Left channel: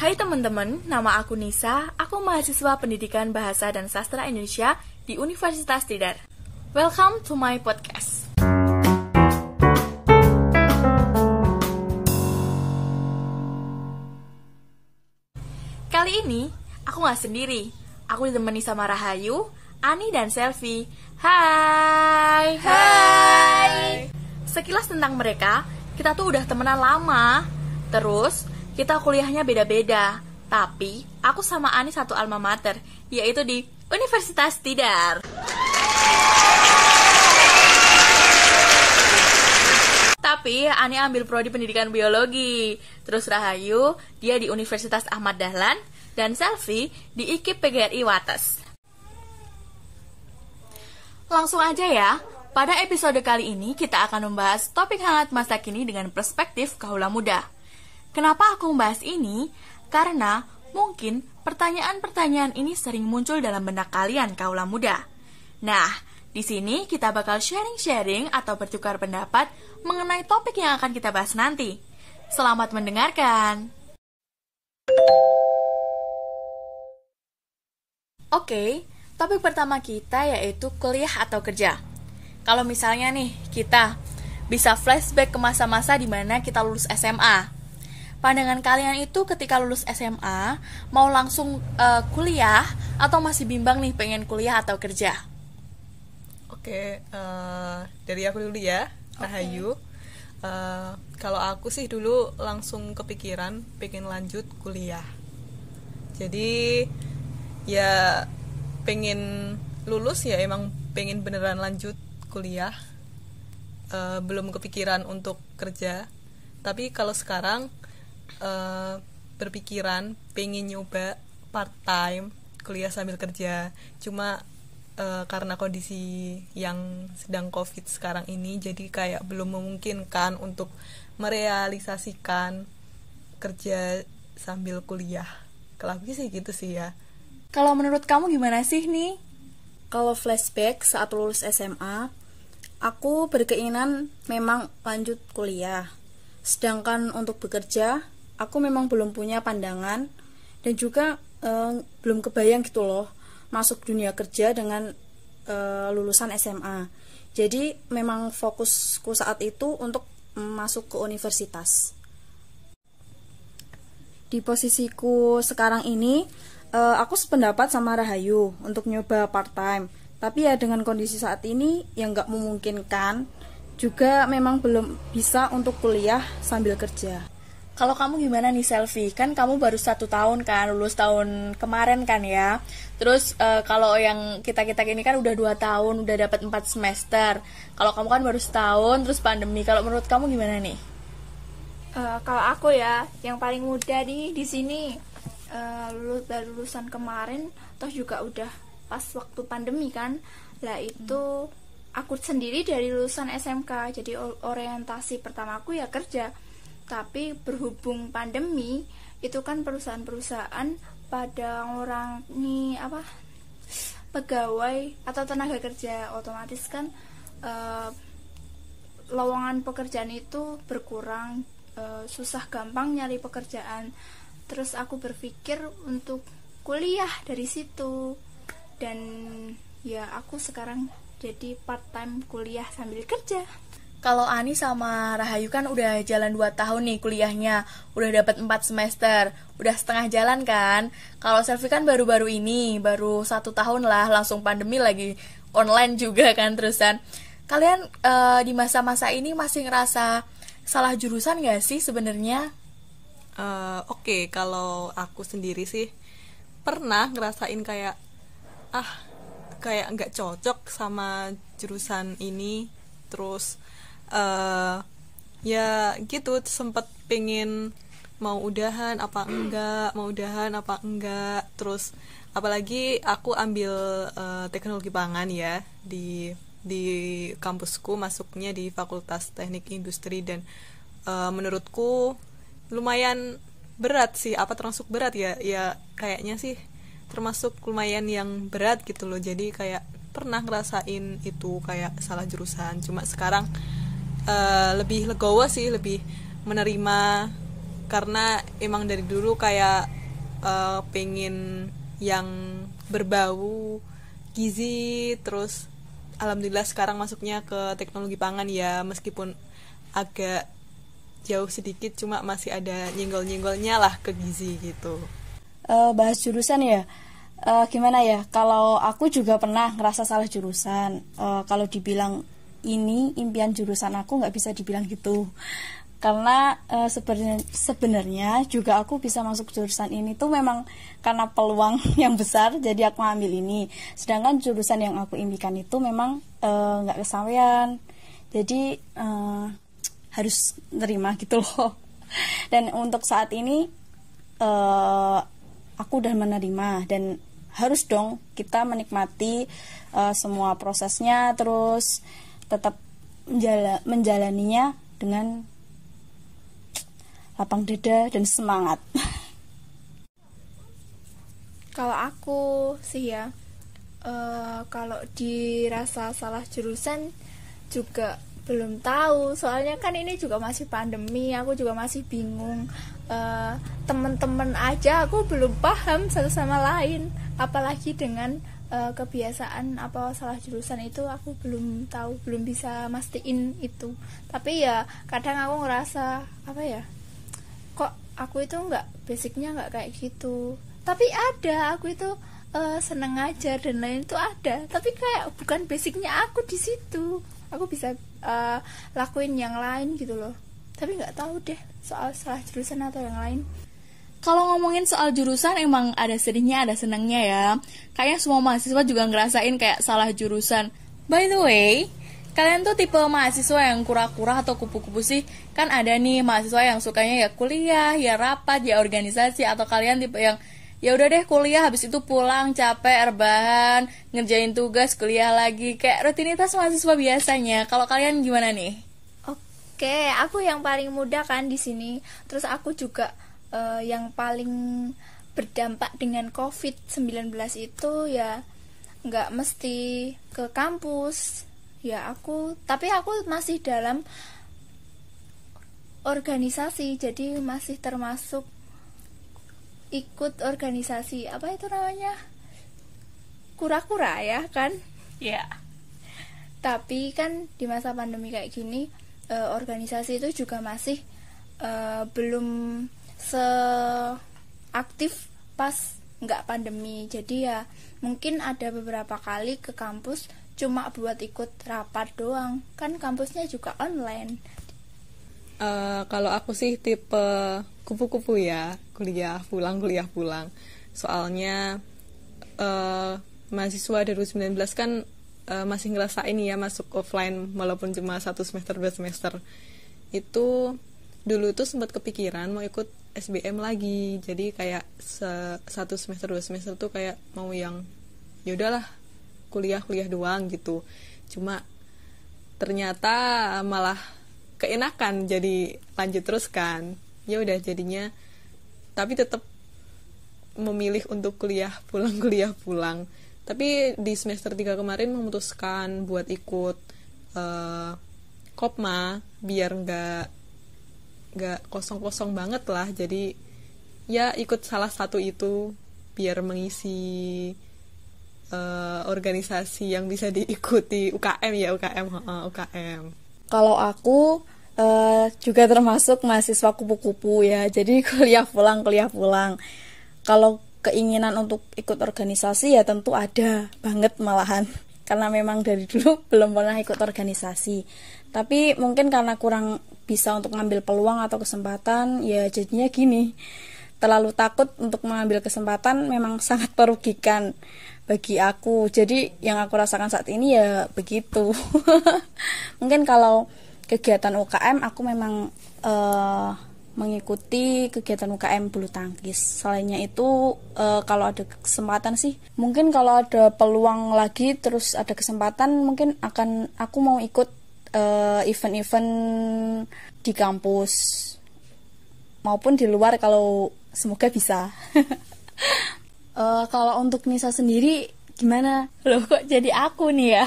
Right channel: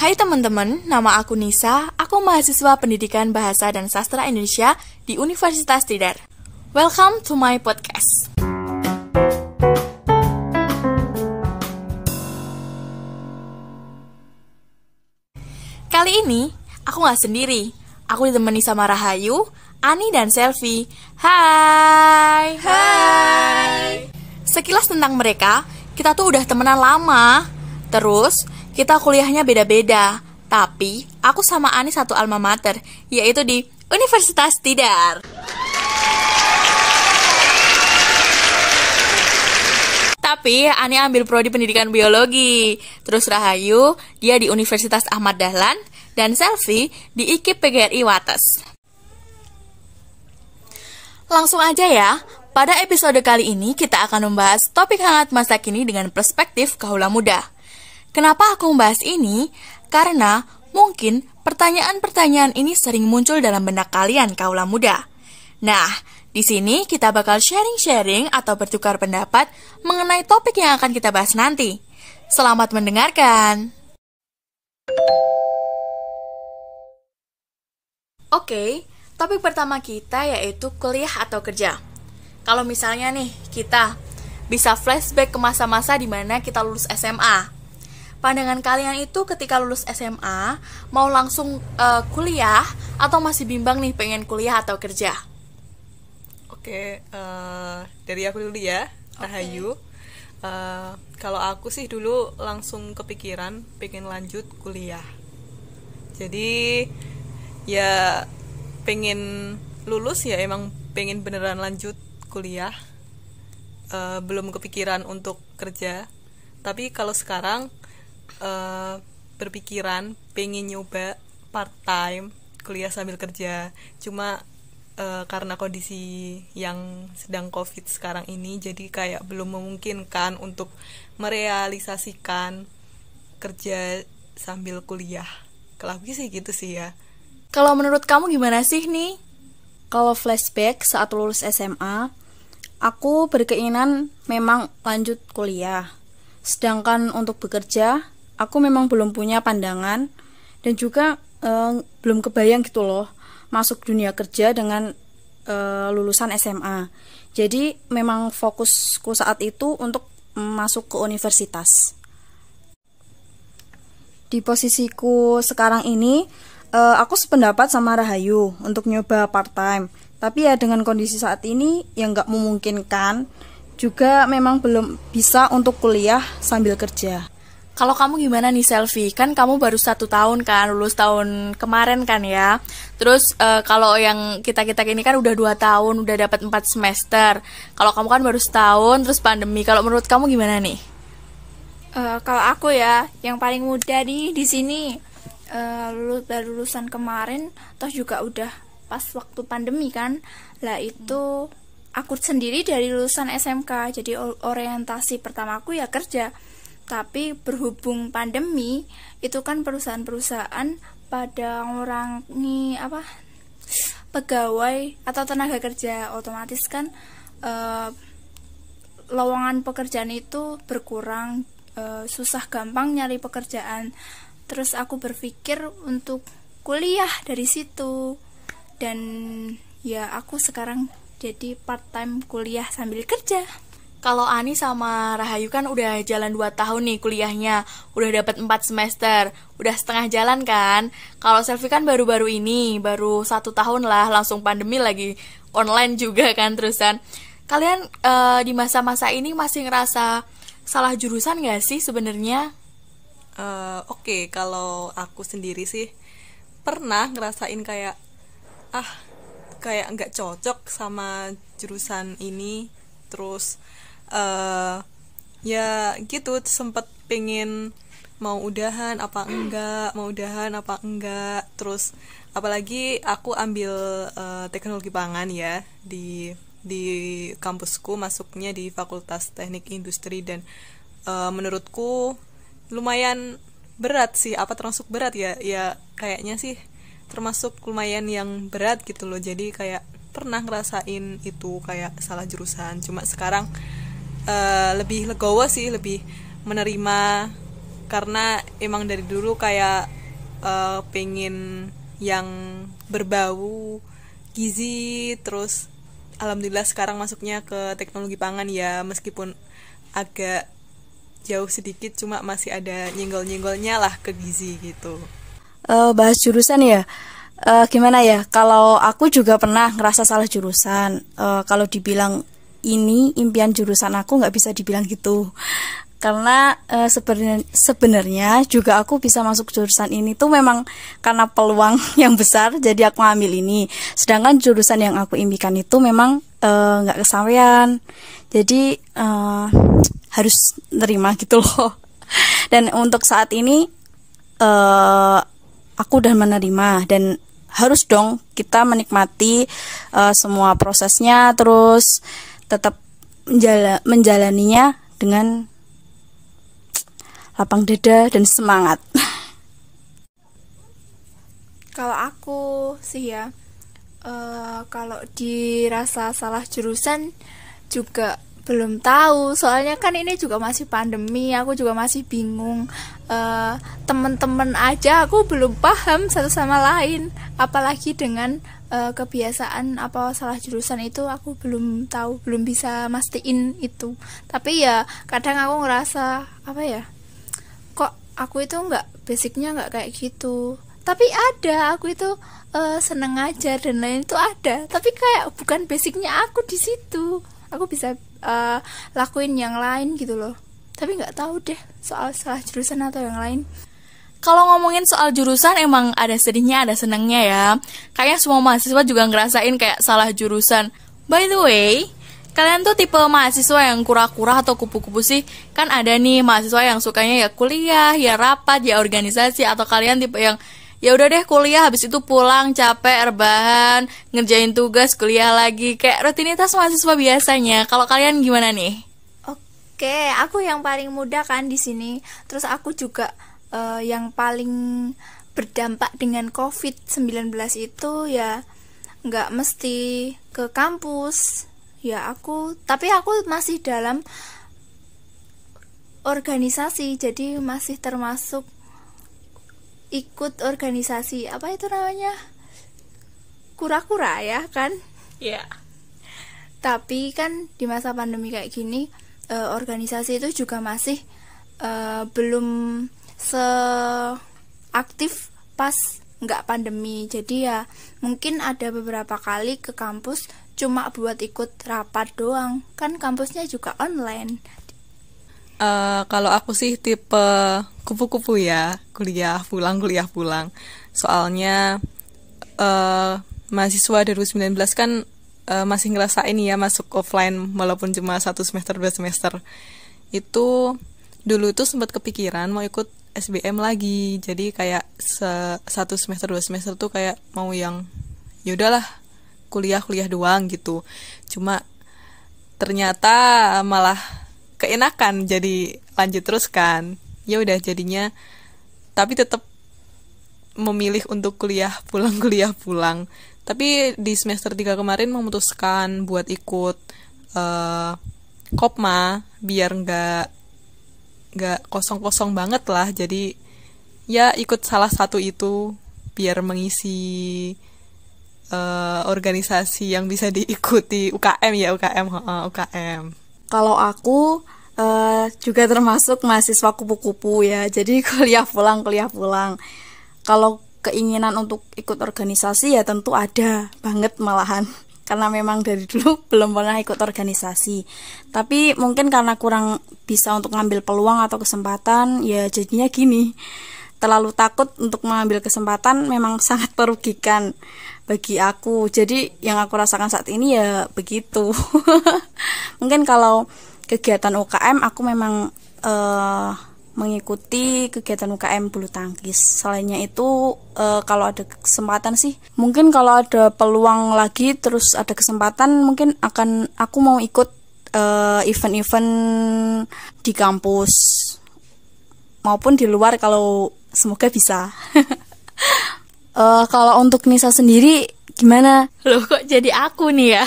Hai teman-teman, nama aku Nisa, aku mahasiswa Pendidikan Bahasa dan Sastra Indonesia di Universitas Tidar. Welcome to my podcast. Kali ini, aku gak sendiri. Aku ditemani sama Rahayu, Ani, dan Selvi. Hai! Hai! Sekilas tentang mereka, kita tuh udah temenan lama. Terus, kita kuliahnya beda-beda. Tapi, aku sama Ani satu alma mater, yaitu di Universitas Tidar. Tapi, Ani ambil prodi pendidikan biologi. Terus Rahayu, dia di Universitas Ahmad Dahlan. Dan Selvi di IKIP PGRI Wates. Langsung aja ya. Pada episode kali ini kita akan membahas topik hangat masa kini dengan perspektif kaula muda. Kenapa aku membahas ini? Karena mungkin pertanyaan-pertanyaan ini sering muncul dalam benak kalian kaula muda. Nah, di sini kita bakal sharing-sharing atau bertukar pendapat mengenai topik yang akan kita bahas nanti. Selamat mendengarkan. Oke, topik pertama kita yaitu kuliah atau kerja. Kalau misalnya nih, kita bisa flashback ke masa-masa di mana kita lulus SMA. Pandangan kalian itu ketika lulus SMA, mau langsung kuliah atau masih bimbang nih pengen kuliah atau kerja? Oke, dari aku dulu ya, Rahayu. Kalau aku sih dulu langsung kepikiran pengen lanjut kuliah. Jadi ya pengen lulus ya emang pengen beneran lanjut kuliah, belum kepikiran untuk kerja. Tapi kalau sekarang berpikiran pengen nyoba part time kuliah sambil kerja. Cuma karena kondisi yang sedang COVID sekarang ini, jadi kayak belum memungkinkan untuk merealisasikan kerja sambil kuliah. Kalau aku sih gitu sih ya. Kalau menurut kamu gimana sih nih? Kalau flashback saat lulus SMA, aku berkeinginan memang lanjut kuliah. Sedangkan untuk bekerja, aku memang belum punya pandangan dan juga belum kebayang gitu loh masuk dunia kerja dengan lulusan SMA. Jadi memang fokusku saat itu untuk masuk ke universitas. Di posisiku sekarang ini, aku sependapat sama Rahayu untuk nyoba part time. Tapi ya dengan kondisi saat ini yang gak memungkinkan, juga memang belum bisa untuk kuliah sambil kerja. Kalau kamu gimana nih Selvi? Kan kamu baru 1 tahun kan, lulus tahun kemarin kan ya. Terus kalau yang kita-kita ini kan udah 2 tahun, udah dapat 4 semester. Kalau kamu kan baru setahun, terus pandemi. Kalau menurut kamu gimana nih? Kalau aku ya, yang paling muda di sini lulusan kemarin, terus juga udah pas waktu pandemi kan. Lah itu aku sendiri dari lulusan SMK, jadi orientasi pertamaku ya kerja. Tapi berhubung pandemi, itu kan perusahaan-perusahaan pada ngurangi pegawai atau tenaga kerja, otomatis kan lowongan pekerjaan itu berkurang, susah gampang nyari pekerjaan. Terus aku berpikir untuk kuliah dari situ. Dan ya aku sekarang jadi part time kuliah sambil kerja. Kalau Ani sama Rahayu kan udah jalan 2 tahun nih kuliahnya, udah dapat 4 semester, udah setengah jalan kan. Kalau Selvi kan baru-baru ini, baru 1 tahun lah, langsung pandemi lagi, online juga kan terusan. Kalian di masa-masa ini masih ngerasa salah jurusan gak sih sebenarnya? Oke, kalau aku sendiri sih pernah ngerasain kayak nggak cocok sama jurusan ini. Terus ya gitu, sempet pengen mau udahan apa enggak. Terus apalagi aku ambil teknologi pangan ya di kampusku, masuknya di Fakultas Teknik Industri. Dan menurutku lumayan berat sih, termasuk berat ya kayaknya sih termasuk lumayan yang berat gitu loh. Jadi kayak pernah ngerasain itu kayak salah jurusan. Cuma sekarang lebih legowo sih, lebih menerima karena emang dari dulu kayak pengen yang berbau gizi. Terus alhamdulillah sekarang masuknya ke teknologi pangan ya, meskipun agak jauh sedikit, cuma masih ada nyenggol-nyenggolnya lah ke gizi gitu. Bahas jurusan ya, gimana ya, kalau aku juga pernah ngerasa salah jurusan. Kalau dibilang ini impian jurusan aku, nggak bisa dibilang gitu, karena sebenarnya juga aku bisa masuk jurusan ini tuh memang karena peluang yang besar, jadi aku ngambil ini. Sedangkan jurusan yang aku impikan itu memang nggak kesampaian, jadi harus nerima gitu loh. Dan untuk saat ini aku udah menerima, dan harus dong kita menikmati semua prosesnya, terus tetap menjalaninya dengan lapang dada dan semangat. Kalau aku sih ya, kalau dirasa salah jurusan juga belum tahu, soalnya kan ini juga masih pandemi, aku juga masih bingung. Temen-temen aja aku belum paham satu sama lain, apalagi dengan kebiasaan apa salah jurusan itu aku belum tahu, belum bisa mastiin itu. Tapi ya kadang aku ngerasa apa ya, kok aku itu basicnya nggak kayak gitu, tapi ada aku itu seneng ngajar dan lain itu ada, tapi kayak bukan basicnya aku di situ. Aku bisa lakuin yang lain gitu loh, tapi nggak tahu deh soal salah jurusan atau yang lain. Kalau ngomongin soal jurusan emang ada sedihnya ada senangnya ya. Kayaknya semua mahasiswa juga ngerasain kayak salah jurusan. By the way, kalian tuh tipe mahasiswa yang kura-kura atau kupu-kupu sih? Kan ada nih mahasiswa yang sukanya ya kuliah, ya rapat, ya organisasi, atau kalian tipe yang ya udah deh kuliah habis itu pulang capek rebahan, ngerjain tugas, kuliah lagi, kayak rutinitas mahasiswa biasanya. Kalau kalian gimana nih? Oke, aku yang paling muda kan di sini. Terus aku juga yang paling berdampak dengan COVID-19 itu ya nggak mesti ke kampus. Ya tapi aku masih dalam organisasi, jadi masih termasuk ikut organisasi, apa itu namanya? Kura-kura ya kan? Ya. Yeah. Tapi kan di masa pandemi kayak gini, organisasi itu juga masih belum seaktif pas nggak pandemi. Jadi ya mungkin ada beberapa kali ke kampus cuma buat ikut rapat doang, kan kampusnya juga online. Kalau aku sih tipe kupu-kupu ya, kuliah pulang. Soalnya mahasiswa 2019 kan masih ngerasain ya masuk offline walaupun cuma 1 semester 2 semester. Itu dulu tuh sempat kepikiran mau ikut SBM lagi. Jadi kayak 1 semester 2 semester tuh kayak mau yang ya udahlah kuliah doang gitu. Cuma ternyata malah keenakan jadi lanjut terus kan. Ya udah jadinya tapi tetap memilih untuk kuliah pulang. Tapi di semester 3 kemarin memutuskan buat ikut Kopma biar nggak kosong banget lah. Jadi ya ikut salah satu itu biar mengisi organisasi yang bisa diikuti UKM ya, UKM. Kalau aku juga termasuk mahasiswa kupu-kupu ya, jadi kuliah pulang. Kalau keinginan untuk ikut organisasi ya tentu ada banget malahan, karena memang dari dulu belum pernah ikut organisasi. Tapi mungkin karena kurang bisa untuk ngambil peluang atau kesempatan, ya jadinya gini. Terlalu takut untuk mengambil kesempatan memang sangat merugikan bagi aku. Jadi yang aku rasakan saat ini ya begitu. Mungkin kalau kegiatan UKM aku memang mengikuti kegiatan UKM bulu tangkis. Selainnya itu kalau ada kesempatan sih, mungkin kalau ada peluang lagi terus ada kesempatan, mungkin aku mau ikut event-event di kampus maupun di luar kalau semoga bisa. Kalau untuk Nisa sendiri gimana? Loh kok jadi aku nih ya?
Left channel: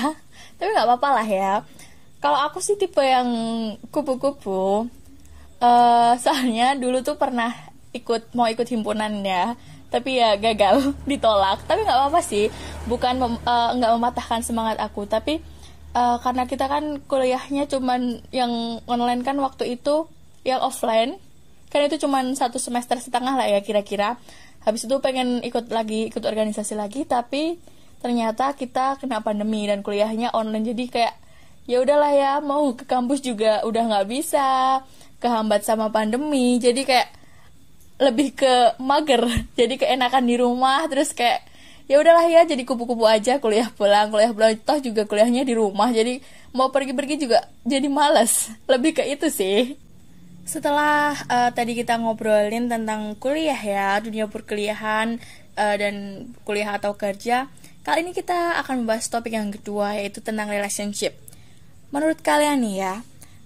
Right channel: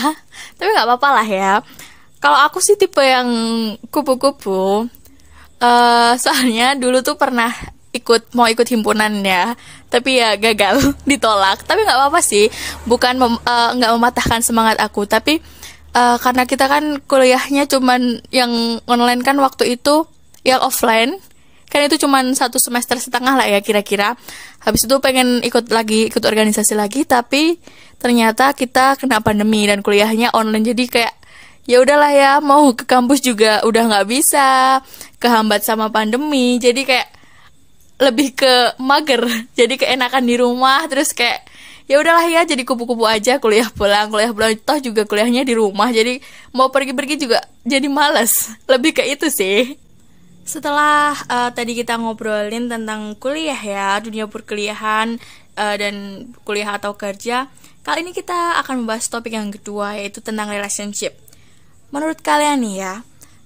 Tapi nggak apa-apa lah ya. Kalau aku sih tipe yang kupu-kupu. Soalnya dulu tuh pernah mau ikut himpunan ya, tapi ya gagal ditolak. Tapi nggak apa-apa sih, bukan nggak mematahkan semangat aku, tapi karena kita kan kuliahnya cuman yang online kan waktu itu, yang offline kan itu cuman 1,5 semester lah ya kira-kira. Habis itu pengen ikut organisasi lagi, tapi ternyata kita kena pandemi dan kuliahnya online, jadi kayak ya udahlah ya, mau ke kampus juga udah nggak bisa, kehambat sama pandemi, jadi kayak lebih ke mager, jadi keenakan di rumah. Terus kayak ya udahlah ya, jadi kupu-kupu aja, kuliah pulang toh juga kuliahnya di rumah, jadi mau pergi-pergi juga jadi malas. Lebih ke itu sih. Setelah tadi kita ngobrolin tentang kuliah ya, dunia perkuliahan dan kuliah atau kerja, kali ini kita akan membahas topik yang kedua, yaitu tentang relationship. Menurut kalian nih ya,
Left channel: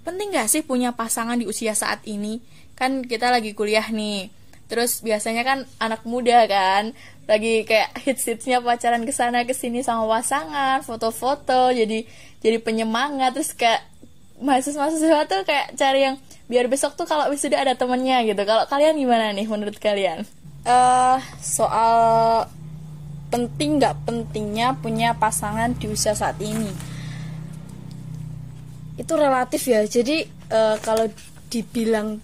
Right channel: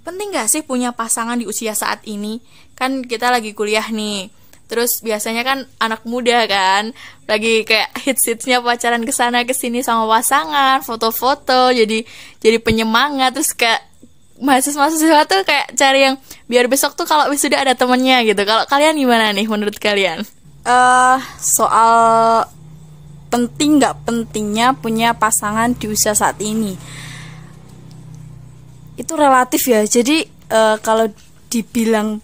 penting gak sih punya pasangan di usia saat ini? Kan kita lagi kuliah nih, terus biasanya kan anak muda kan lagi kayak hits-hitsnya pacaran kesana kesini sama pasangan, foto-foto, jadi penyemangat. Terus kayak mahasiswa tuh kayak cari yang biar besok tuh kalau sudah ada temennya gitu. Kalau kalian gimana nih menurut kalian? Soal penting nggak pentingnya punya pasangan di usia saat ini, itu relatif ya. Jadi kalau dibilang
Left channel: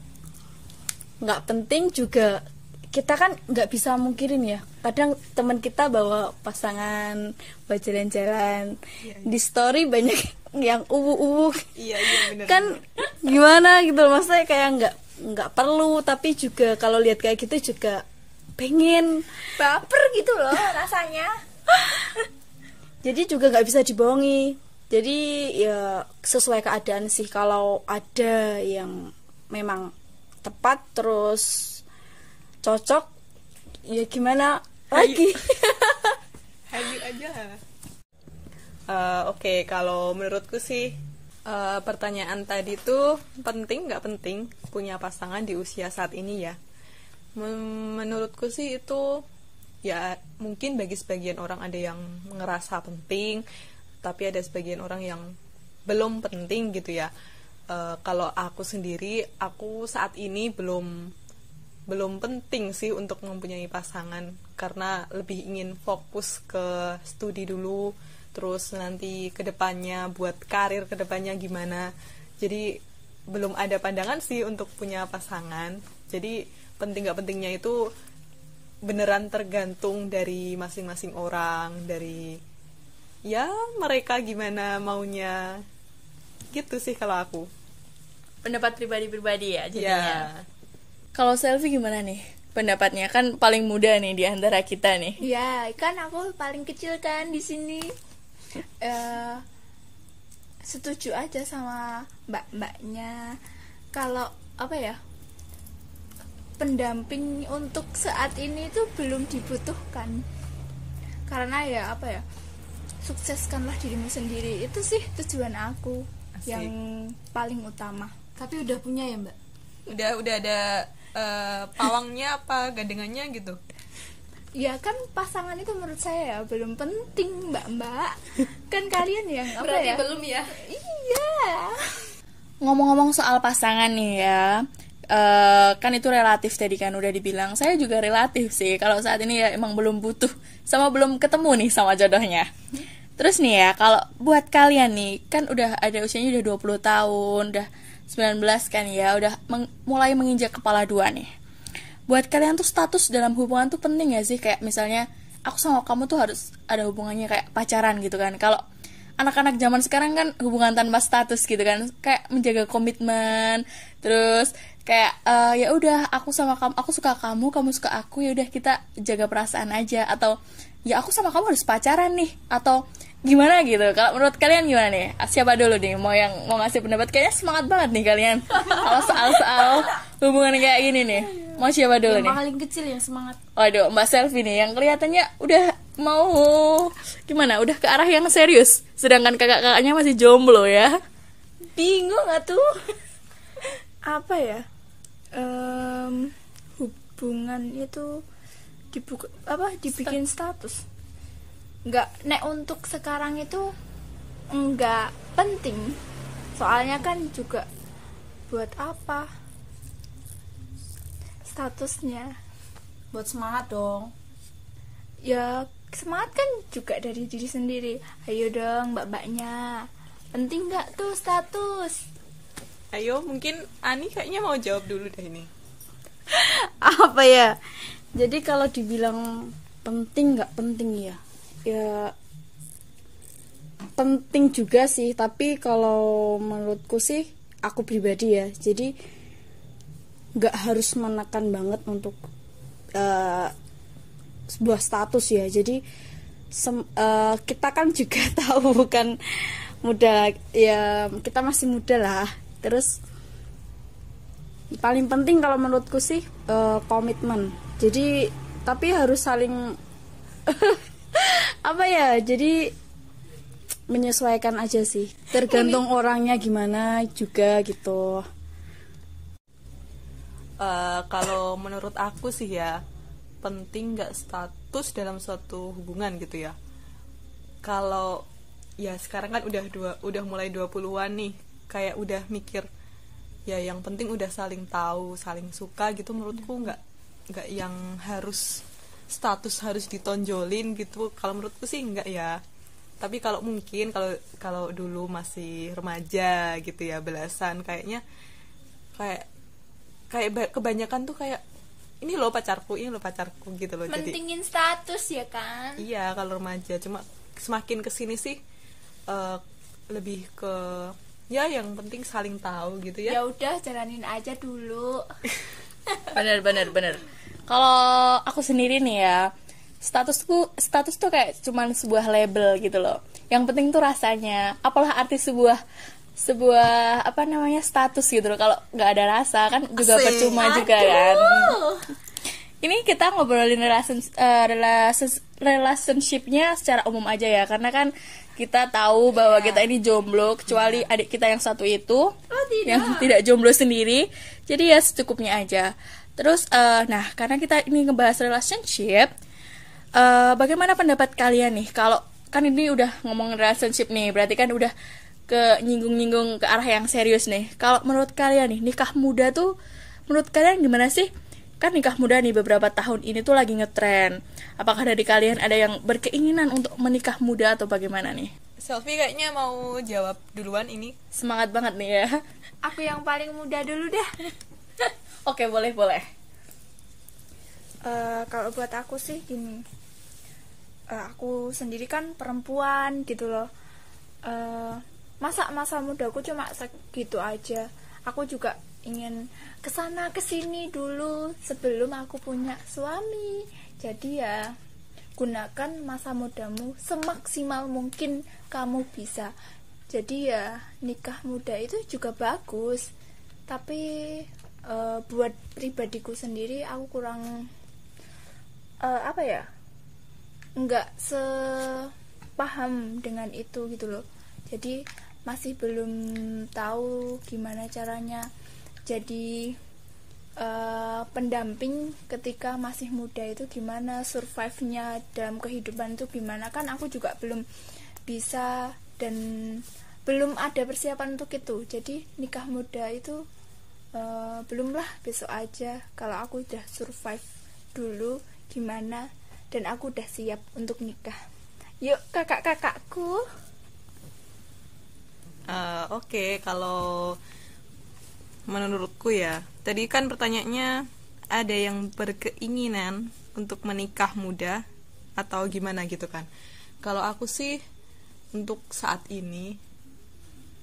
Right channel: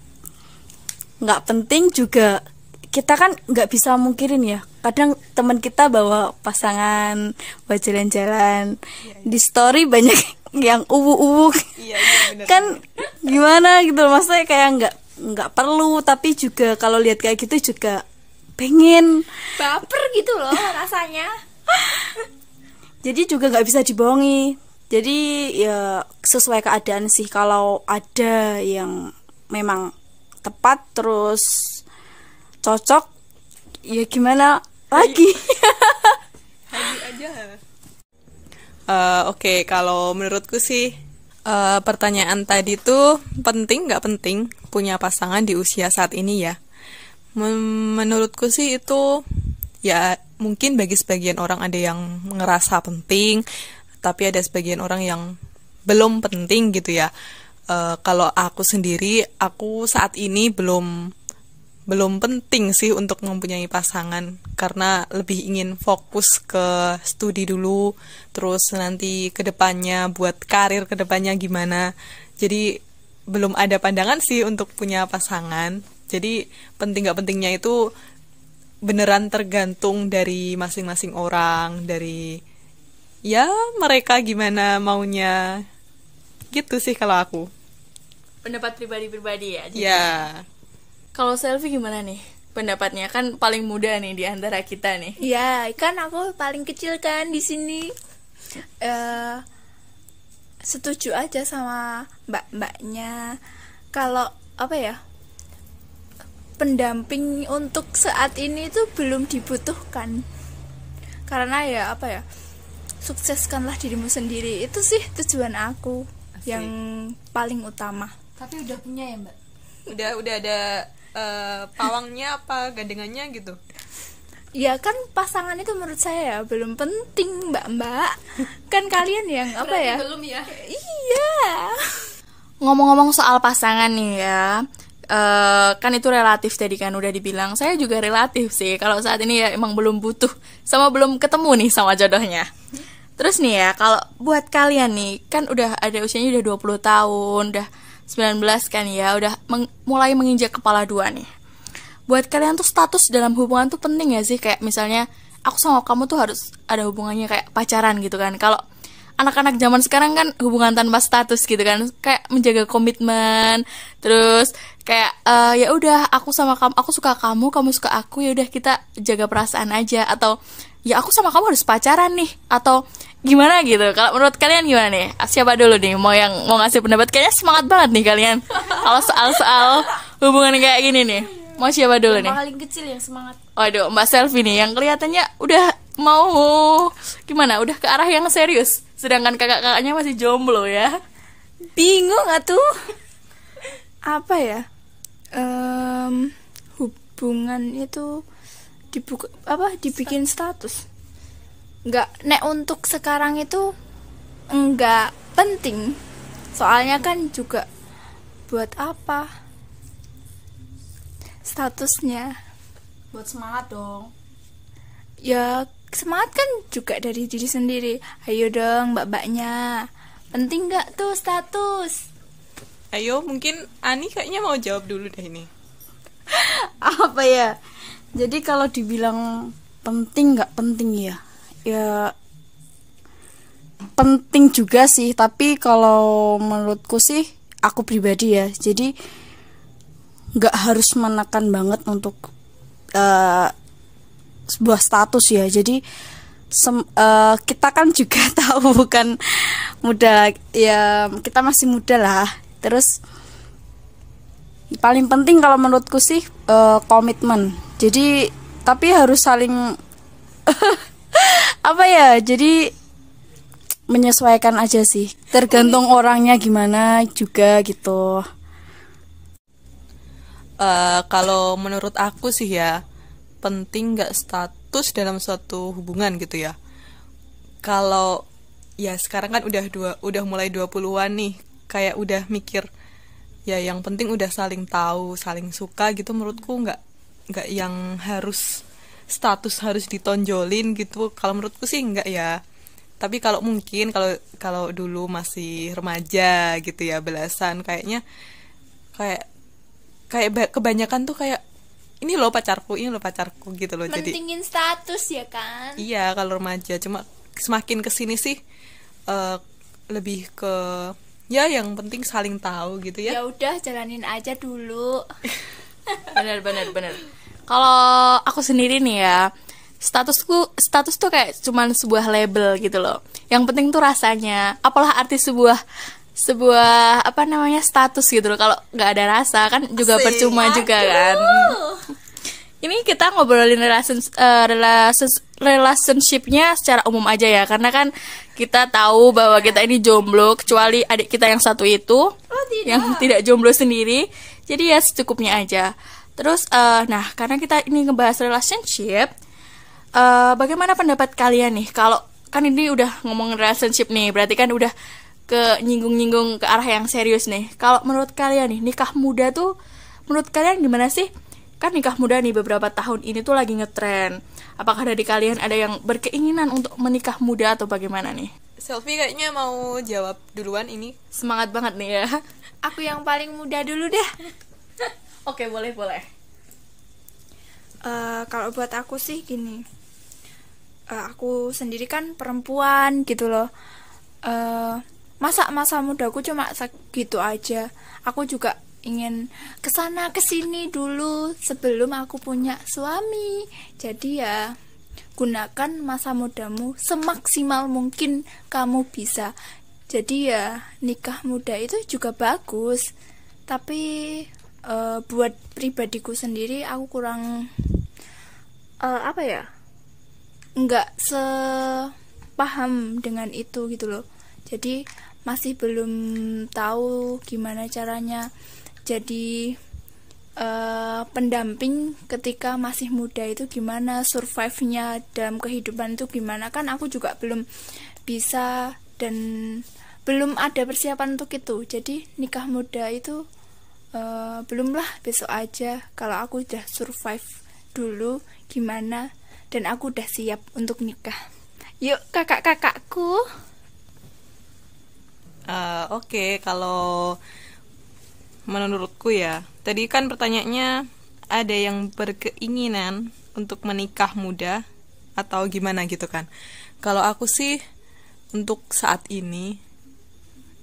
nggak penting juga, kita kan nggak bisa mungkirin ya. Kadang teman kita bawa pasangan, buat jalan-jalan, di story banyak yang uwu-uwu. Kan gimana gitu, maksudnya kayak nggak perlu, tapi juga kalau lihat kayak gitu juga pengen baper gitu loh rasanya. Jadi juga nggak bisa dibohongi. Jadi ya sesuai keadaan sih. Kalau ada yang memang tepat terus cocok, ya gimana lagi. Hayu aja. Oke, kalau menurutku sih pertanyaan tadi tuh penting nggak penting punya pasangan di usia saat ini ya. Menurutku sih itu ya mungkin bagi sebagian orang ada yang ngerasa penting, tapi ada sebagian orang yang belum penting gitu ya. Kalau aku sendiri, aku saat ini belum penting sih untuk mempunyai pasangan, karena lebih ingin fokus ke studi dulu, terus nanti kedepannya buat karir kedepannya gimana. Jadi belum ada pandangan sih untuk punya pasangan. Jadi penting gak pentingnya itu beneran tergantung dari masing-masing orang, dari ya mereka gimana maunya gitu sih kalau aku. Pendapat pribadi ya. Ya. Kalau Selfie gimana nih pendapatnya? Kan paling muda nih di antara kita nih. Ya, kan aku paling kecil kan di sini. Setuju aja sama mbak-mbaknya. Kalau apa ya, pendamping untuk saat ini itu belum dibutuhkan. Karena ya apa ya, sukseskanlah dirimu sendiri. Itu sih tujuan aku. Asik. Yang paling utama. Tapi udah punya ya mbak? Udah ada pawangnya apa gandengannya gitu? Ya kan pasangan itu menurut saya ya belum penting mbak. Kan kalian yang apa ya? Belum ya? Iya. Ngomong-ngomong soal pasangan nih ya, kan itu relatif tadi kan udah dibilang. Saya juga relatif sih. Kalau saat ini ya emang belum butuh, sama belum ketemu nih sama jodohnya. Terus nih ya, kalau buat kalian nih, kan udah ada usianya udah 20 tahun, udah 19 kan ya, udah mulai menginjak kepala 2 nih. Buat kalian tuh status dalam hubungan tuh penting ya sih? Kayak misalnya aku sama kamu tuh harus ada hubungannya kayak pacaran gitu kan. Kalau anak-anak zaman sekarang kan hubungan tanpa status gitu kan, kayak menjaga komitmen. Terus kayak ya udah aku sama kamu, aku suka kamu, kamu suka aku, ya udah kita jaga perasaan aja. Atau ya aku sama kamu harus pacaran nih, atau gimana gitu. Kalau menurut kalian gimana nih? Siapa dulu nih mau ngasih pendapat? Kayaknya semangat banget nih kalian kalau soal hubungan kayak gini nih. Mau siapa dulu nih? Yang paling kecil yang semangat. Waduh, Mbak Selfie nih yang kelihatannya udah mau gimana? Udah ke arah yang serius. Sedangkan kakak-kakaknya masih jomblo ya. Bingung atuh. Apa ya? Hubungan itu dibikin status. Nek untuk sekarang itu enggak penting. Soalnya kan juga buat apa? statusnya. Buat semangat dong. Ya semangat kan juga dari diri sendiri. Ayo dong mbak-mbaknya, penting nggak tuh status? Ayo, mungkin Ani kayaknya mau jawab dulu deh ini. Apa ya? Jadi kalau dibilang penting nggak penting ya? Ya penting juga sih, tapi kalau menurutku sih, aku pribadi ya, jadi nggak harus menekan banget untuk sebuah status ya. Jadi kita kan juga tahu bukan muda ya, kita masih muda lah. Terus paling penting kalau menurutku sih komitmen. Jadi tapi harus saling apa ya, jadi menyesuaikan aja sih, tergantung orangnya gimana juga gitu. Kalau menurut aku sih ya, penting nggak status dalam suatu hubungan gitu ya. Kalau ya sekarang kan udah mulai 20-an nih, kayak udah mikir ya yang penting udah saling tahu, saling suka gitu. Menurutku nggak yang harus status harus ditonjolin gitu. Kalau menurutku sih nggak ya. Tapi kalau mungkin kalau dulu masih remaja gitu ya, belasan, kayaknya kayak kebanyakan tuh kayak ini loh pacarku gitu loh. Mentingin status ya kan? Iya, kalau remaja. Cuma semakin kesini sih lebih ke ya yang penting saling tahu gitu ya. Ya udah jalanin aja dulu. Bener. Kalau aku sendiri nih ya, status tuh kayak cuman sebuah label gitu loh. Yang penting tuh rasanya. Apalah arti sebuah apa namanya status gitu loh, kalau nggak ada rasa kan juga percuma juga kan. Ini kita ngobrolin relationshipnya secara umum aja ya, karena kan kita tahu bahwa kita ini jomblo, kecuali adik kita yang satu itu yang tidak jomblo sendiri. Jadi ya secukupnya aja. Terus nah karena kita ini ngebahas relationship, bagaimana pendapat kalian nih? Kalau kan ini udah ngomongin relationship nih, berarti kan udah ke nyinggung-nyinggung ke arah yang serius nih. Kalau menurut kalian nih, nikah muda tuh menurut kalian gimana sih? Kan nikah muda nih beberapa tahun ini tuh lagi ngetren. Apakah dari kalian ada yang berkeinginan untuk menikah muda atau bagaimana nih? Selfie kayaknya mau jawab duluan ini. Semangat banget nih ya. Aku yang paling muda dulu deh. Oke, boleh. Kalau buat aku sih gini, aku sendiri kan perempuan gitu loh. Masa mudaku cuma segitu aja. Aku juga ingin kesana kesini dulu sebelum aku punya suami. Jadi ya gunakan masa mudamu semaksimal mungkin kamu bisa. Jadi ya nikah muda itu juga bagus. Tapi buat pribadiku sendiri aku kurang nggak sepaham dengan itu gitu loh. Jadi masih belum tahu gimana caranya jadi pendamping ketika masih muda itu, gimana survive-nya dalam kehidupan itu gimana. Kan aku juga belum bisa dan belum ada persiapan untuk itu. Jadi nikah muda itu belum lah, besok aja kalau aku udah survive dulu gimana dan aku udah siap untuk nikah. Yuk kakak-kakakku. Oke, kalau menurutku ya, tadi kan pertanyaannya ada yang berkeinginan untuk menikah muda atau gimana gitu kan. Kalau aku sih untuk saat ini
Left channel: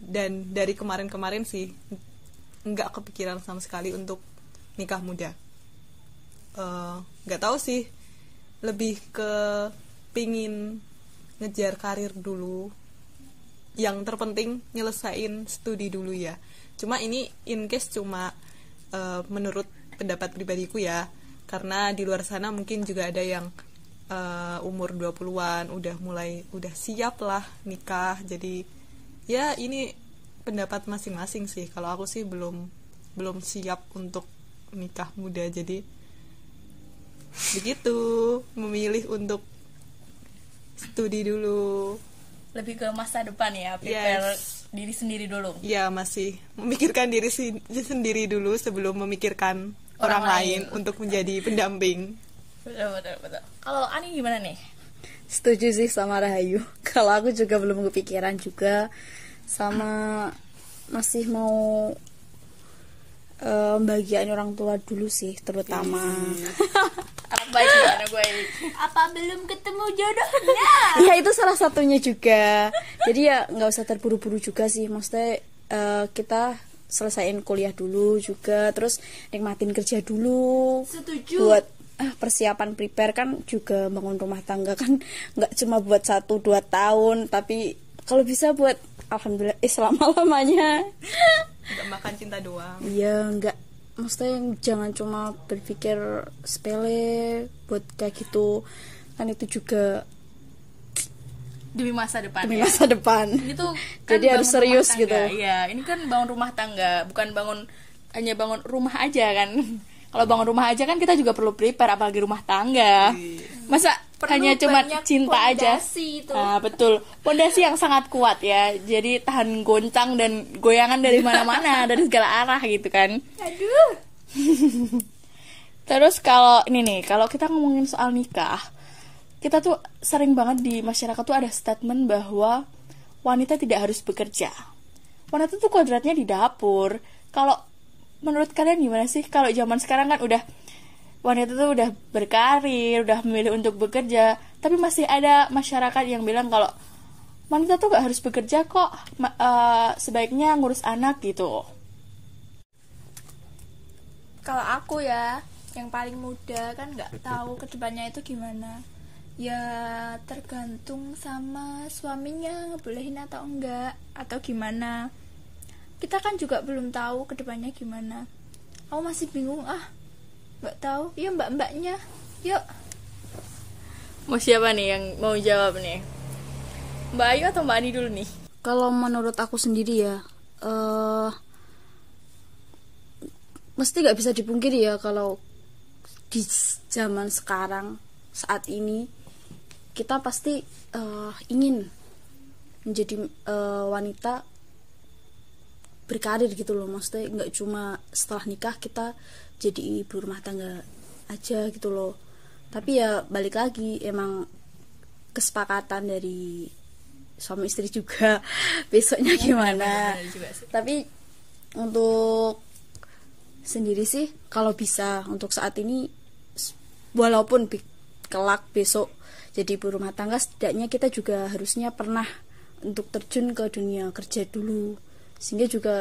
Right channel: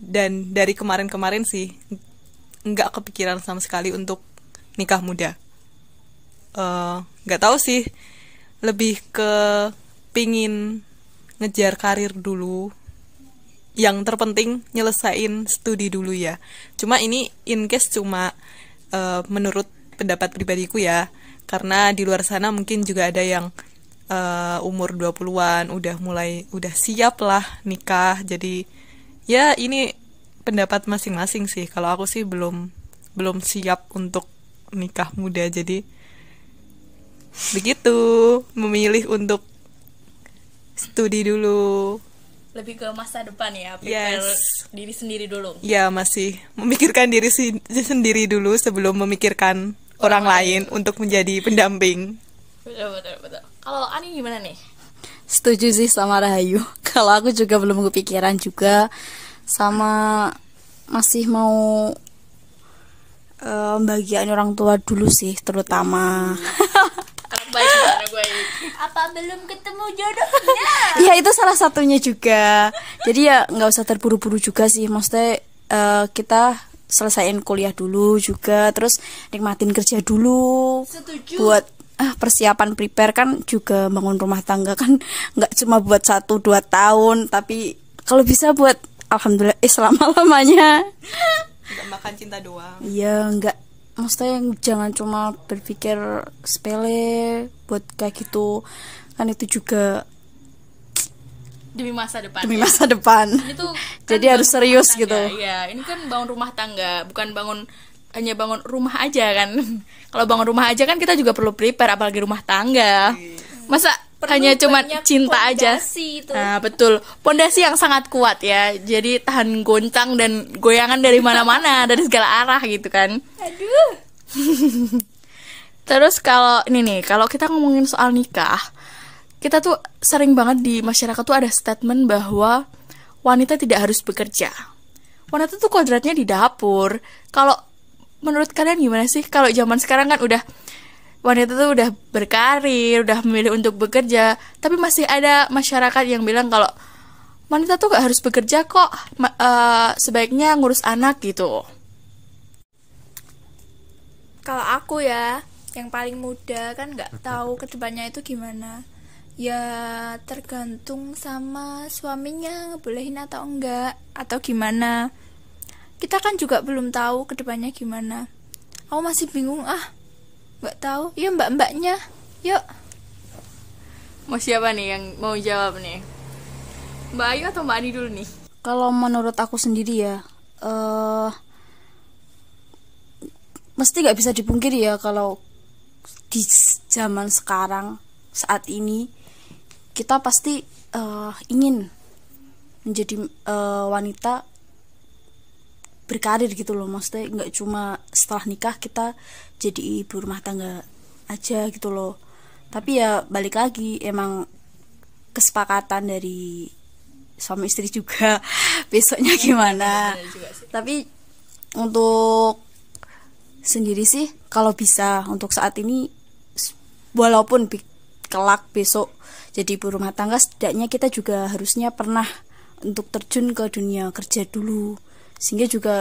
dan dari kemarin-kemarin sih nggak kepikiran sama sekali untuk nikah muda. Nggak tahu sih, lebih ke pingin ngejar karir dulu. Yang terpenting nyelesain studi dulu ya. Cuma ini in case cuma menurut pendapat pribadiku ya. Karena di luar sana mungkin juga ada yang umur 20-an udah siap lah nikah. Jadi ya ini pendapat masing-masing sih. Kalau aku sih belum siap untuk nikah muda. Jadi begitu, memilih untuk studi dulu. Lebih ke masa depan ya, prepare diri sendiri dulu. Ya, masih memikirkan diri sendiri dulu sebelum memikirkan orang lain untuk menjadi pendamping. Betul. Kalau Ani gimana nih? Setuju sih sama Rahayu. Kalau aku juga belum kepikiran juga, sama masih mau bagian orang tua dulu sih terutama. Anak baik. Apa belum ketemu jodohnya? Ya itu salah satunya juga. Jadi ya nggak usah terburu-buru juga sih. Maksudnya kita selesaiin kuliah dulu juga, terus nikmatin kerja dulu. Setuju. Buat persiapan prepare kan juga bangun rumah tangga kan nggak cuma buat 1-2 tahun, tapi kalau bisa buat alhamdulillah selama-lamanya. Nggak makan cinta doang. Iya, nggak, maksudnya jangan cuma berpikir sepele buat kayak gitu, kan itu juga Demi masa depan. Ini tuh kan jadi harus bangun serius rumah gitu. tangga. Iya, ini kan bangun rumah tangga, bukan hanya bangun rumah aja kan. Kalau bangun rumah aja kan kita juga perlu prepare, apalagi rumah tangga. Masa hanya cuma cinta aja. Itu. Nah, betul. Pondasi yang sangat kuat ya. Jadi tahan goncang dan goyangan dari mana-mana, dari segala arah gitu kan. Aduh. Terus kalau ini nih, kalau kita ngomongin soal nikah, kita tuh sering banget di masyarakat tuh ada statement bahwa wanita tidak harus bekerja. Wanita tuh kodratnya di dapur. Kalau menurut kalian gimana sih? Kalau zaman sekarang kan udah wanita tuh udah berkarir, udah memilih untuk bekerja, tapi masih ada masyarakat yang bilang kalau wanita tuh gak harus bekerja kok, sebaiknya ngurus anak gitu. Kalau aku ya, yang paling muda kan nggak tahu kedepannya itu gimana. Ya tergantung sama suaminya ngebolehin atau enggak, atau gimana. Kita kan juga belum tahu kedepannya gimana. Aku masih bingung nggak tahu. Ya mbak-mbaknya, yuk. Mau siapa nih yang mau jawab nih? Mbak Ayu atau Mbak Ani dulu nih? Kalau menurut aku sendiri ya, mesti nggak bisa dipungkiri ya kalau di zaman sekarang saat ini kita pasti ingin menjadi wanita berkarir gitu loh. Maksudnya nggak cuma setelah nikah kita jadi ibu rumah tangga aja gitu loh, tapi ya balik lagi emang kesepakatan dari suami istri juga besoknya gimana. Tapi untuk sendiri sih kalau bisa untuk saat ini, walaupun kelak besok jadi ibu rumah tangga, setidaknya kita juga harusnya pernah untuk terjun ke dunia kerja dulu, sehingga juga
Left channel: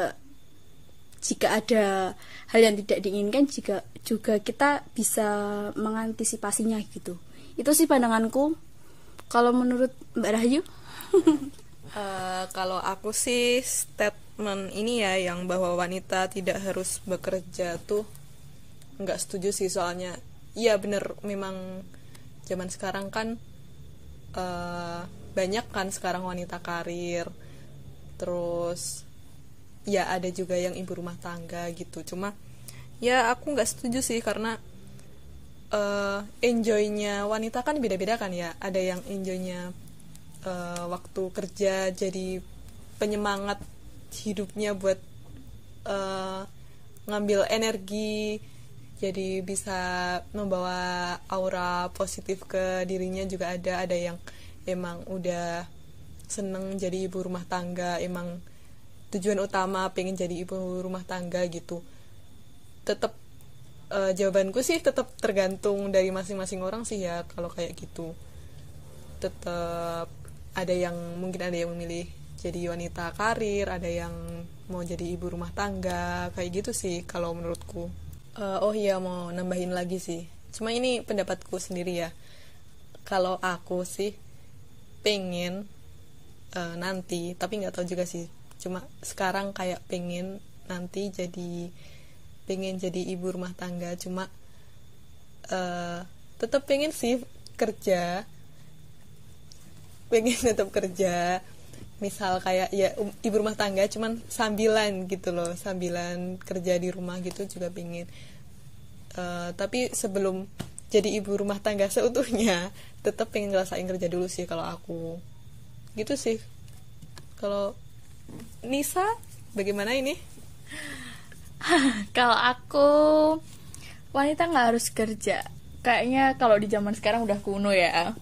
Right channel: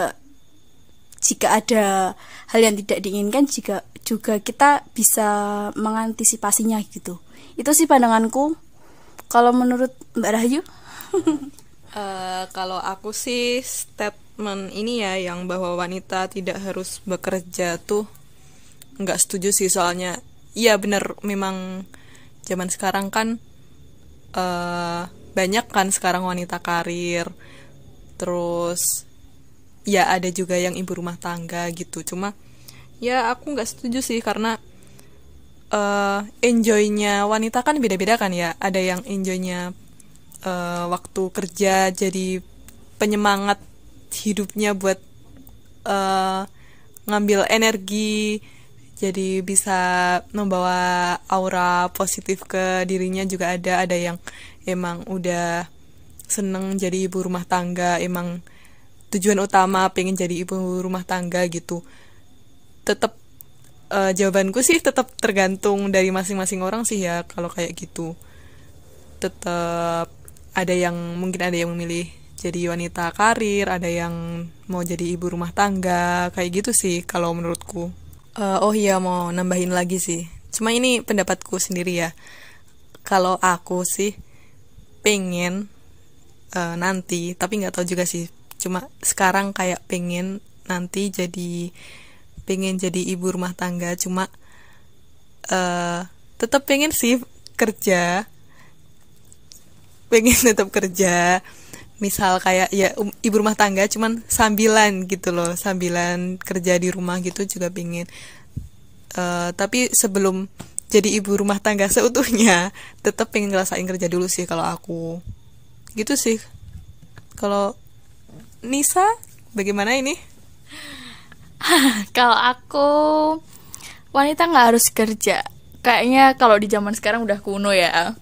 jika ada hal yang tidak diinginkan juga kita bisa mengantisipasinya gitu. Itu sih pandanganku. Kalau menurut Mbak Rahayu? Kalau aku sih statement ini ya yang bahwa wanita tidak harus bekerja tuh nggak setuju sih. Soalnya iya benar, memang zaman sekarang kan banyak kan sekarang wanita karir, terus ya ada juga yang ibu rumah tangga gitu. Cuma ya aku nggak setuju sih, karena enjoynya wanita kan beda-beda kan ya. Ada yang enjoynya waktu kerja jadi penyemangat hidupnya buat ngambil energi, jadi bisa membawa aura positif ke dirinya juga ada yang emang udah seneng jadi ibu rumah tangga, emang tujuan utama pengen jadi ibu rumah tangga gitu. Tetap jawabanku sih tetap tergantung dari masing-masing orang sih ya. Kalau kayak gitu tetap ada yang mungkin ada yang memilih jadi wanita karir, ada yang mau jadi ibu rumah tangga, kayak gitu sih kalau menurutku. Oh iya, mau nambahin lagi sih, cuma ini pendapatku sendiri ya. Kalau aku sih pengen nanti, tapi nggak tahu juga sih, cuma sekarang kayak pengen jadi ibu rumah tangga. Cuma tetap pengen sih tetap kerja, misal kayak ya ibu rumah tangga cuman sambilan gitu loh, sambilan kerja di rumah gitu juga pengen. Tapi sebelum jadi ibu rumah tangga seutuhnya tetap pengen ngerasain kerja dulu sih kalau aku gitu sih. Kalau Nisa bagaimana ini? Kalau aku wanita nggak harus kerja. Kayaknya kalau di zaman sekarang udah kuno ya.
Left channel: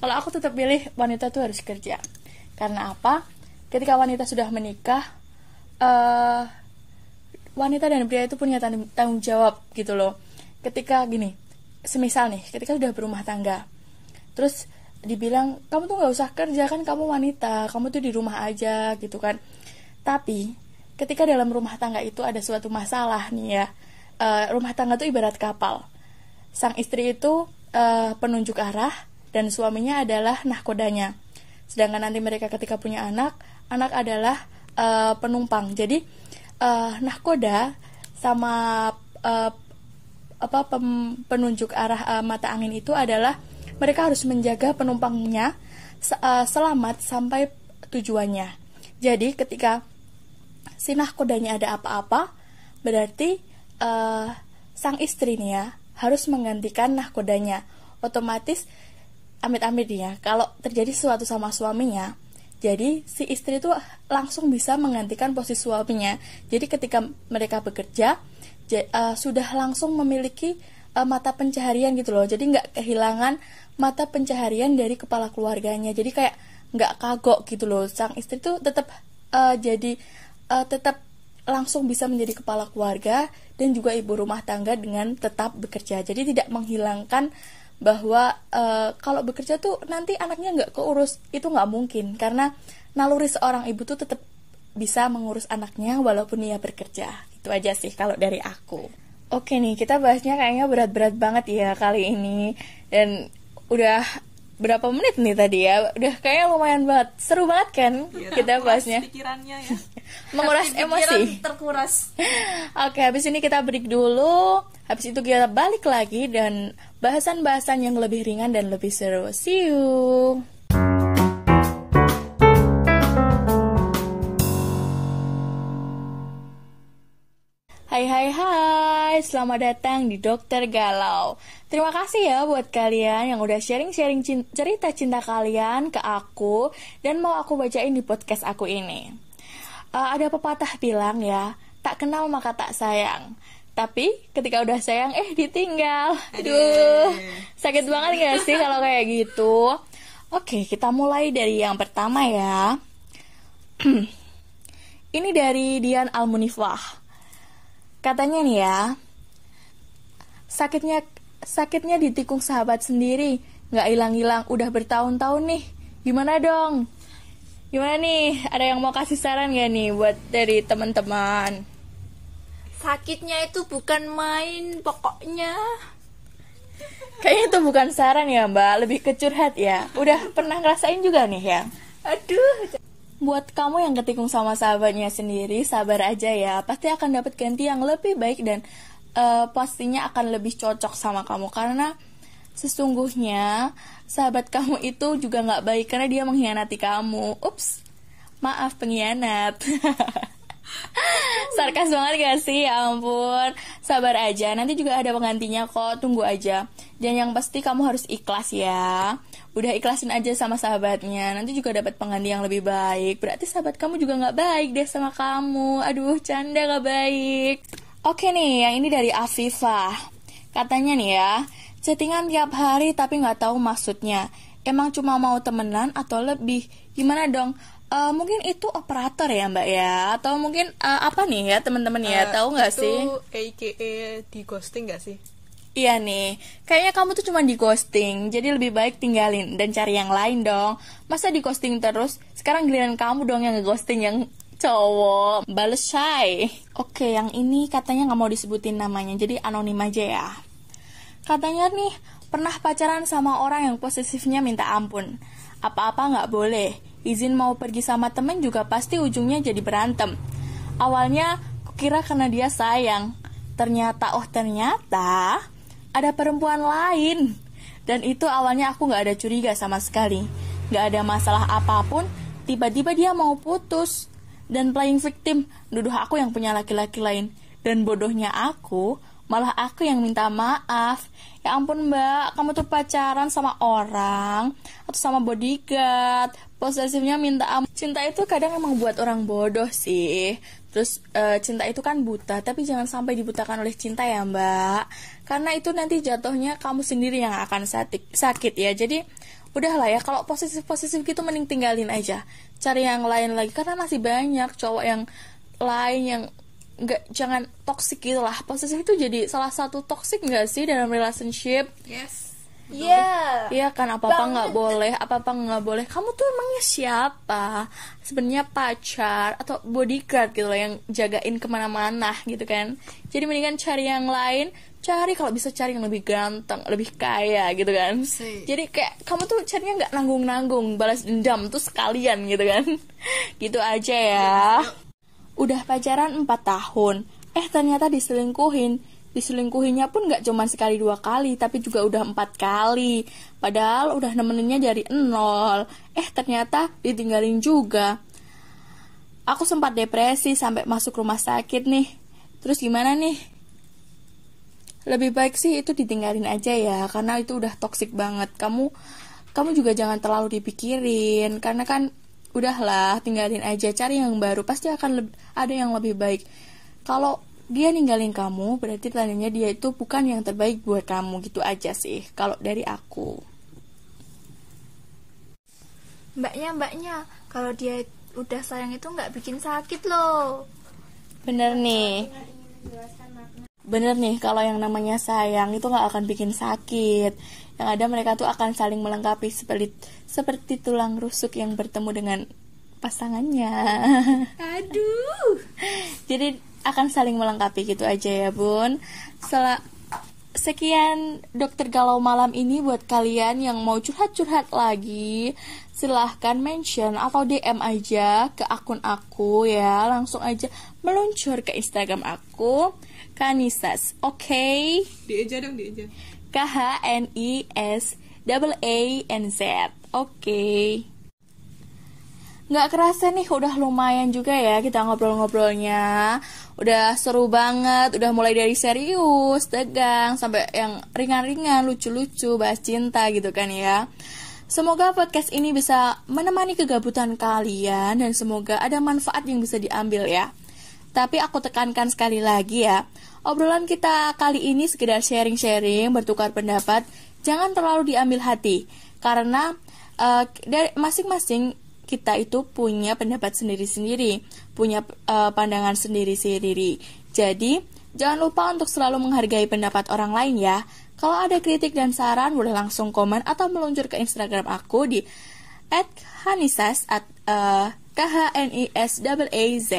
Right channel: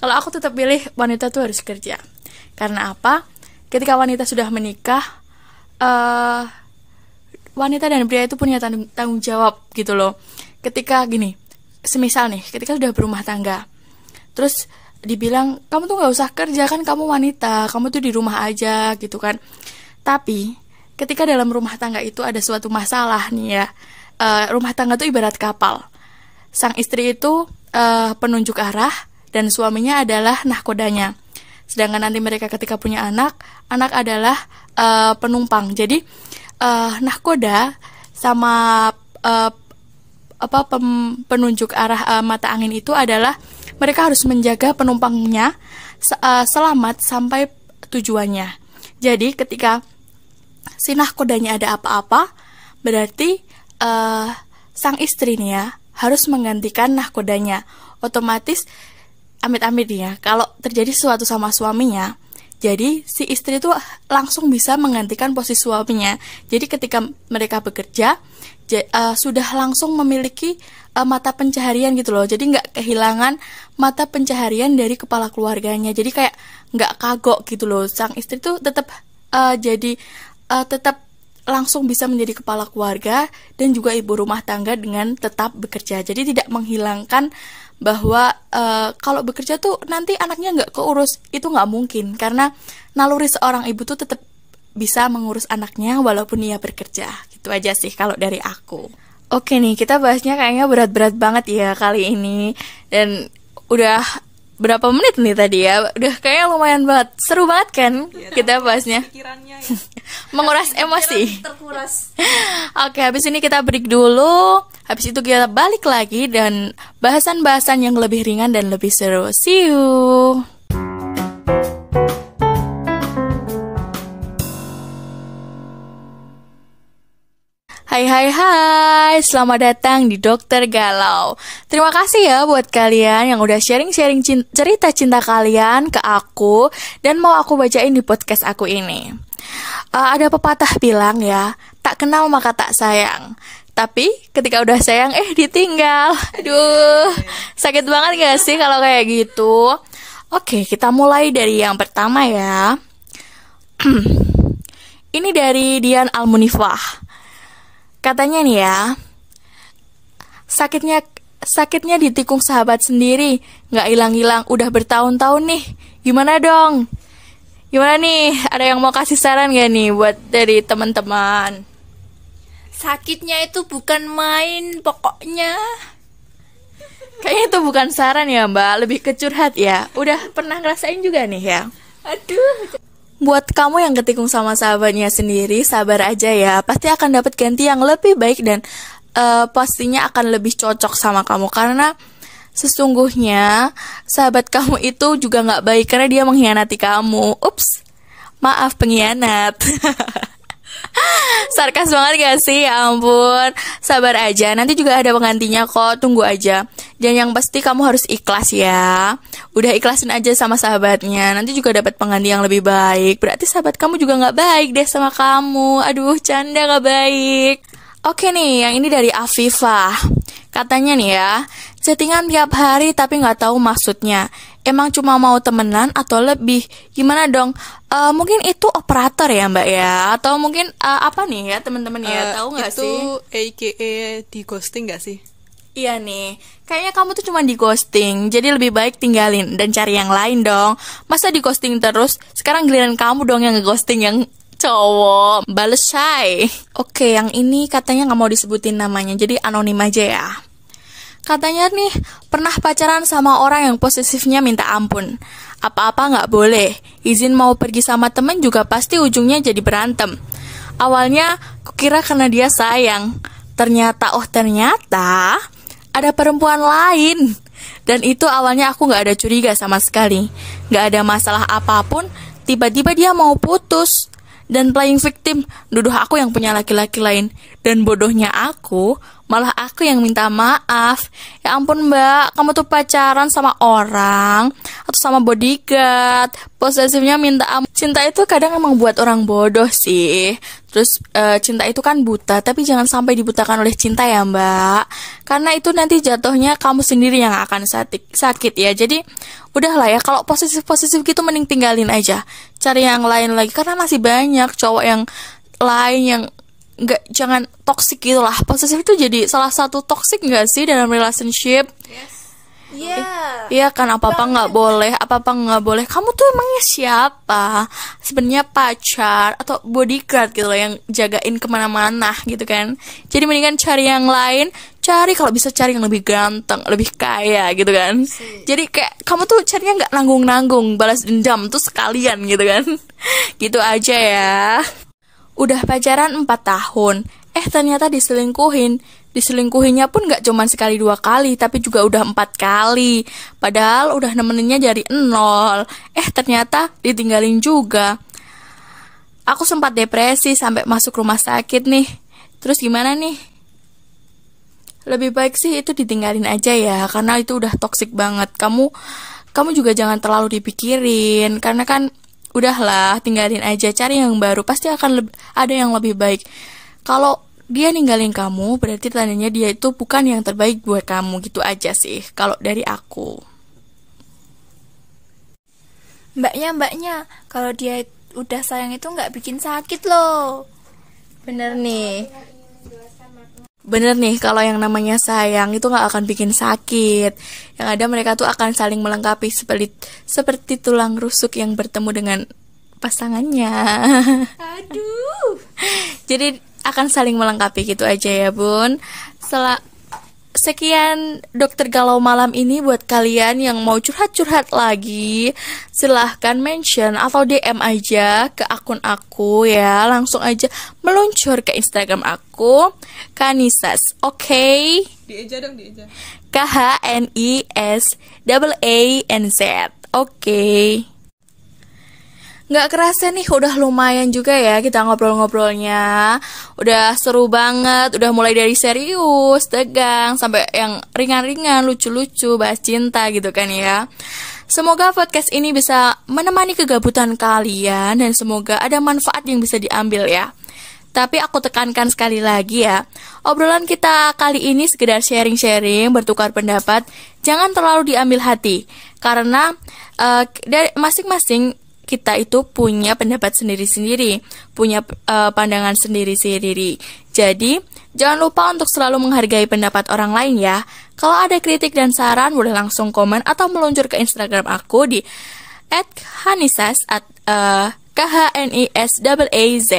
Kalau aku tetap pilih wanita tuh harus kerja. Karena apa? Ketika wanita sudah menikah, wanita dan pria itu punya tanggung jawab gitu loh. Ketika gini, semisal nih, ketika sudah berumah tangga, terus dibilang kamu tuh nggak usah kerja, kan kamu wanita, kamu tuh di rumah aja gitu kan. Tapi ketika dalam rumah tangga itu ada suatu masalah nih ya, rumah tangga tuh ibarat kapal. Sang istri itu penunjuk arah dan suaminya adalah nahkodanya. Sedangkan nanti mereka ketika punya anak adalah penumpang. Jadi nahkoda sama penunjuk arah mata angin itu adalah mereka harus menjaga penumpangnya selamat sampai tujuannya. Jadi ketika si nahkodanya ada apa-apa, berarti sang istri nih ya harus menggantikan nahkodanya. Otomatis amit-amit ya, kalau terjadi sesuatu sama suaminya, jadi si istri itu langsung bisa menggantikan posisi suaminya. Jadi ketika mereka bekerja sudah langsung memiliki mata pencaharian gitu loh. Jadi nggak kehilangan mata pencaharian dari kepala keluarganya. Jadi kayak nggak kagok gitu loh. Sang istri tuh tetap tetap langsung bisa menjadi kepala keluarga dan juga ibu rumah tangga dengan tetap bekerja. Jadi tidak menghilangkan bahwa kalau bekerja tuh nanti anaknya nggak keurus. Itu nggak mungkin, karena naluri seorang ibu tuh tetap bisa mengurus anaknya walaupun ia bekerja. Gitu aja sih kalau dari aku. Oke nih, kita bahasnya kayaknya berat-berat banget ya kali ini. Dan udah berapa menit nih tadi ya? Udah kayaknya lumayan banget. Seru banget kan ya, kita bahasnya. Pikirannya ya. Menguras emosi. Terkuras. Oke, habis ini kita break dulu. Habis itu kita balik lagi dan bahasan-bahasan yang lebih ringan dan lebih seru. See you. Hai, selamat datang di Dokter Galau. Terima kasih ya buat kalian yang udah sharing-sharing cerita cinta kalian ke aku dan mau aku bacain di podcast aku ini. Ada pepatah bilang ya, tak kenal maka tak sayang. Tapi ketika udah sayang, ditinggal. Aduh, sakit banget gak sih kalau kayak gitu? Oke, kita mulai dari yang pertama ya. Ini dari Dian Almunifah. Katanya nih ya, sakitnya ditikung sahabat sendiri, nggak hilang-hilang, udah bertahun-tahun nih. Gimana dong? Gimana nih? Ada yang mau kasih saran gak nih buat dari teman-teman? Sakitnya itu bukan main pokoknya. Kayaknya itu bukan saran ya Mbak, lebih ke curhat ya. Udah pernah ngerasain juga nih ya? Aduh. Buat kamu yang ketikung sama sahabatnya sendiri, sabar aja ya. Pasti akan dapat ganti yang lebih baik dan pastinya akan lebih cocok sama kamu. Karena sesungguhnya sahabat kamu itu juga gak baik karena dia mengkhianati kamu. Ups, maaf pengkhianat. Sarkas banget gak sih? Ya ampun, sabar aja, nanti juga ada penggantinya kok, tunggu aja. Dan yang pasti kamu harus ikhlas ya. Udah ikhlasin aja sama sahabatnya, nanti juga dapat pengganti yang lebih baik. Berarti sahabat kamu juga gak baik deh sama kamu. Aduh, canda gak baik. Oke nih, yang ini dari Afifah. Katanya nih ya, chattingan tiap hari tapi gak tahu maksudnya. Emang cuma mau temenan atau lebih? Gimana dong? Mungkin itu operator ya Mbak ya? Atau mungkin apa nih ya teman-teman ya? Tahu nggak sih? Itu AKA di ghosting nggak sih? Iya nih, kayaknya kamu tuh cuma di ghosting. Jadi lebih baik tinggalin dan cari yang lain dong. Masa di ghosting terus? Sekarang giliran kamu dong yang nge-ghosting yang cowok. Bales shy. Oke, yang ini katanya nggak mau disebutin namanya, jadi anonim aja ya. Katanya nih, pernah pacaran sama orang yang posesifnya minta ampun. Apa-apa gak boleh. Izin mau pergi sama temen juga pasti ujungnya jadi berantem. Awalnya, kukira karena dia sayang. Ternyata ada perempuan lain. Dan itu awalnya aku gak ada curiga sama sekali. Gak ada masalah apapun, tiba-tiba dia mau putus. Dan playing victim, nuduh aku yang punya laki-laki lain. Dan bodohnya aku, malah aku yang minta maaf. Ya ampun Mbak, kamu tuh pacaran sama orang atau sama bodyguard, posesifnya minta ampun. Cinta itu kadang emang buat orang bodoh sih. Terus cinta itu kan buta, tapi jangan sampai dibutakan oleh cinta ya Mbak. Karena itu nanti jatuhnya kamu sendiri yang akan sakit ya. Jadi udahlah ya, kalau posesif gitu mending tinggalin aja. Cari yang lain lagi, karena masih banyak cowok yang lain yang jangan toxic gitu lah. Posesif itu jadi salah satu toxic nggak sih dalam relationship? Yes. Iya kan, apa-apa nggak boleh. Kamu tuh emangnya siapa? Sebenarnya pacar atau bodyguard gitu loh, yang jagain kemana-mana gitu kan. Jadi mendingan cari yang lain. Kalau bisa cari yang lebih ganteng, lebih kaya gitu kan. Jadi kayak kamu tuh carinya nggak nanggung-nanggung, balas dendam tuh sekalian gitu kan. Gitu aja ya. Udah pacaran 4 tahun, ternyata diselingkuhinnya pun gak cuma sekali 2 kali, tapi juga udah 4 kali. Padahal udah nemeninnya dari 0. Ternyata ditinggalin juga. Aku sempat depresi sampai masuk rumah sakit nih. Terus gimana nih? Lebih baik sih itu ditinggalin aja ya, karena itu udah toksik banget. Kamu juga jangan terlalu dipikirin, karena kan udahlah, tinggalin aja, cari yang baru, pasti akan ada yang lebih baik. Kalau dia ninggalin kamu, berarti tandanya dia itu bukan yang terbaik buat kamu, gitu aja sih kalau dari aku. Mbaknya, kalau dia udah sayang itu nggak bikin sakit loh. Bener nih, kalau yang namanya sayang itu gak akan bikin sakit. Yang ada mereka tuh akan saling melengkapi seperti tulang rusuk yang bertemu dengan pasangannya. Aduh. Jadi akan saling melengkapi gitu aja ya Bun. Sekian dokter galau malam ini. Buat kalian yang mau curhat-curhat lagi, silahkan mention atau DM aja ke akun aku ya. Langsung aja meluncur ke Instagram aku, Khanisas. Oke? Dieja dong. KHNISAANZ. Oke. Nggak kerasa nih, udah lumayan juga ya kita ngobrol-ngobrolnya. Udah seru banget, udah mulai dari serius, tegang, sampai yang ringan-ringan, lucu-lucu, bahas cinta gitu kan ya. Semoga podcast ini bisa menemani kegabutan kalian, dan semoga ada manfaat yang bisa diambil ya. Tapi aku tekankan sekali lagi ya, obrolan kita kali ini sekedar sharing-sharing, bertukar pendapat, jangan terlalu diambil hati. Karena dari masing-masing kita itu punya pendapat sendiri-sendiri, punya pandangan sendiri-sendiri. Jadi, jangan lupa untuk selalu menghargai pendapat orang lain ya. Kalau ada kritik dan saran, boleh langsung komen atau meluncur ke Instagram aku di @khanisas KHNISAAZ.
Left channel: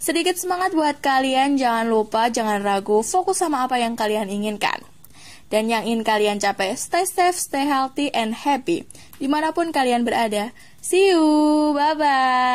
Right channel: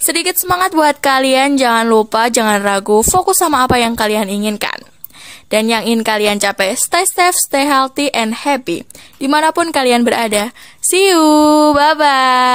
Sedikit semangat buat kalian, jangan lupa, jangan ragu, fokus sama apa yang kalian inginkan. Dan yang ingin kalian capai, stay safe, stay healthy, and happy dimanapun kalian berada. See you, bye-bye.